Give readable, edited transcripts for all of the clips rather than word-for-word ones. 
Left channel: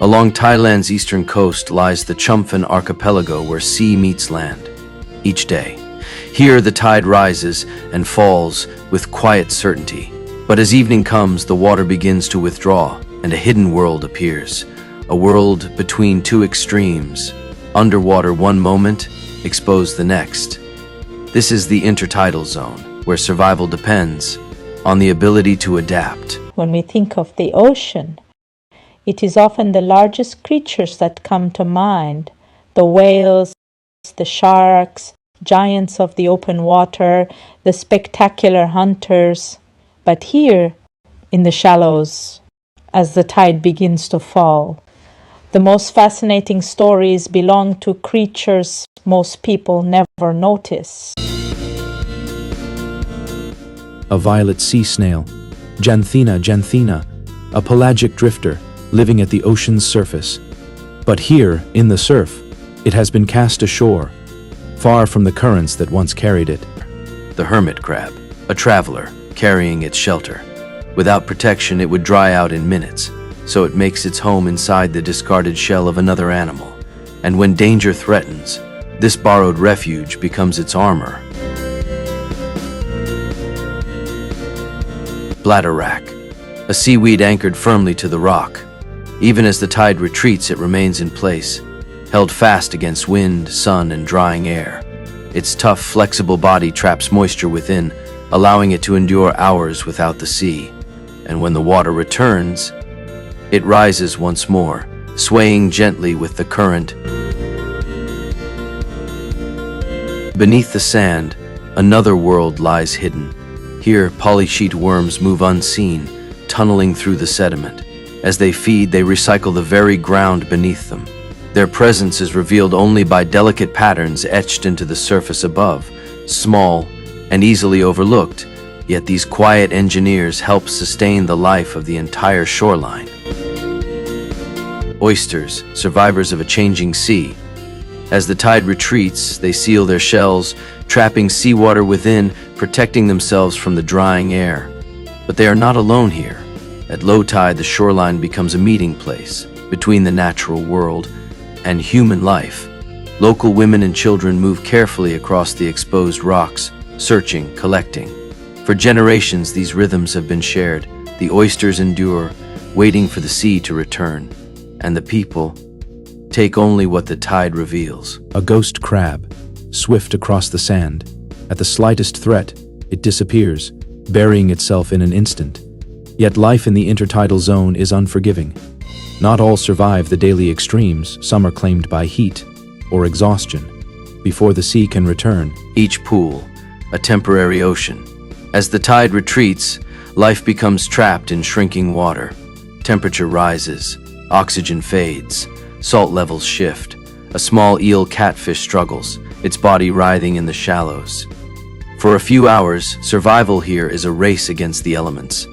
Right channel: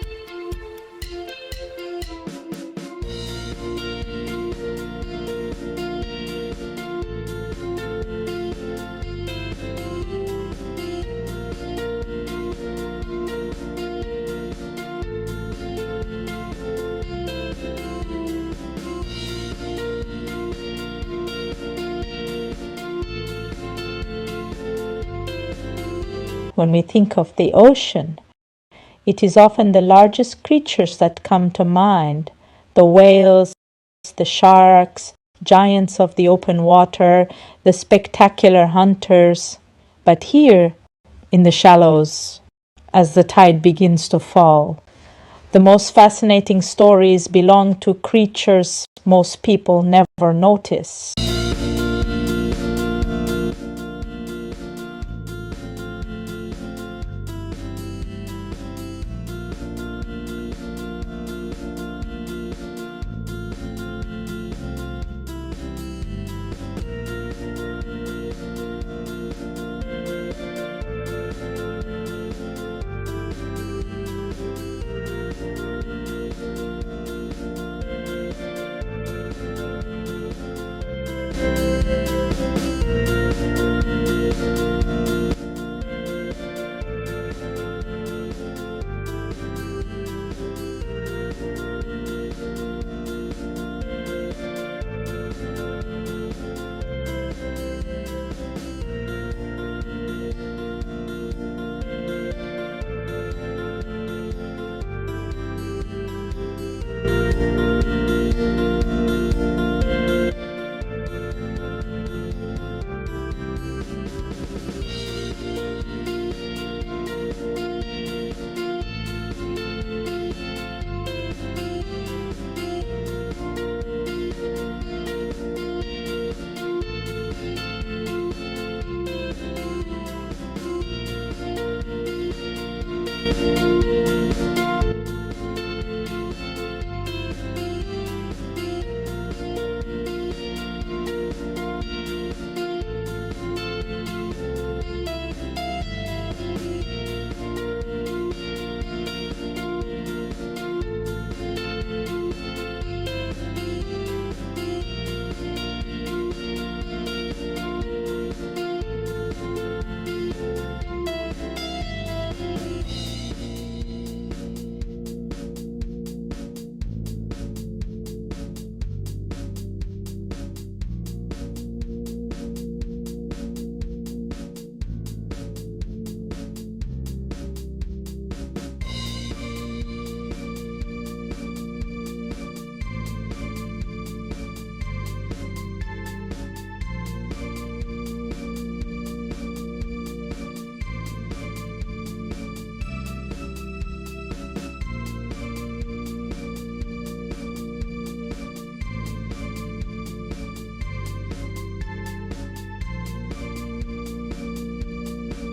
Along Thailand's eastern coast lies the Chumphon Archipelago where sea meets land. Each day, here the tide rises and falls with quiet certainty. But as evening comes, the water begins to withdraw and a hidden world appears. A world between two extremes. Underwater one moment, exposed the next. This is the intertidal zone, where survival depends on the ability to adapt. When we think of the ocean, it is often the largest creatures that come to mind. The whales, the sharks, giants of the open water, the spectacular hunters. But here, in the shallows, as the tide begins to fall, the most fascinating stories belong to creatures most people never notice. A violet sea snail, Yevheniia, a pelagic drifter living at the ocean's surface. But here, in the surf, it has been cast ashore, far from the currents that once carried it. The hermit crab, a traveler carrying its shelter. Without protection, it would dry out in minutes, so it makes its home inside the discarded shell of another animal. And when danger threatens, this borrowed refuge becomes its armor. Bladderwrack, a seaweed anchored firmly to the rock. Even as the tide retreats, it remains in place, held fast against wind, sun, and drying air. Its tough, flexible body traps moisture within, allowing it to endure hours without the sea. And when the water returns, it rises once more, swaying gently with the current. Beneath the sand, another world lies hidden. Here, polysheet worms move unseen, tunneling through the sediment. As they feed, they recycle the very ground beneath them. Their presence is revealed only by delicate patterns etched into the surface above, small and easily overlooked, yet these quiet engineers help sustain the life of the entire shoreline. Oysters, survivors of a changing sea. As the tide retreats, they seal their shells, trapping seawater within, protecting themselves from the drying air. But they are not alone here. At low tide, the shoreline becomes a meeting place between the natural world and human life. Local women and children move carefully across the exposed rocks, searching, collecting. For generations, these rhythms have been shared. The oysters endure, waiting for the sea to return, and the people take only what the tide reveals. A ghost crab, swift across the sand. At the slightest threat, it disappears, burying itself in an instant. Yet life in the intertidal zone is unforgiving. Not all survive the daily extremes. Some are claimed by heat or exhaustion before the sea can return. Each pool, a temporary ocean. As the tide retreats, life becomes trapped in shrinking water. Temperature rises, oxygen fades, salt levels shift. A small eel catfish struggles, its body writhing in the shallows. For a few hours, survival here is a race against the elements.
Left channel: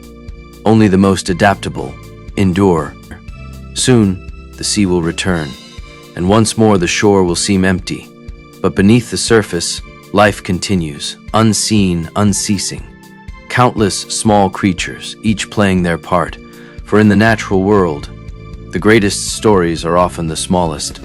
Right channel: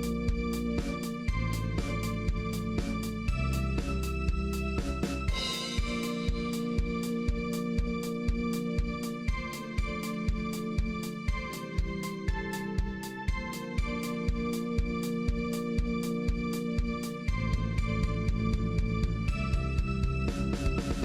Only the most adaptable endure. Soon, the sea will return, and once more the shore will seem empty. But beneath the surface, life continues, unseen, unceasing. Countless small creatures, each playing their part. For in the natural world, the greatest stories are often the smallest.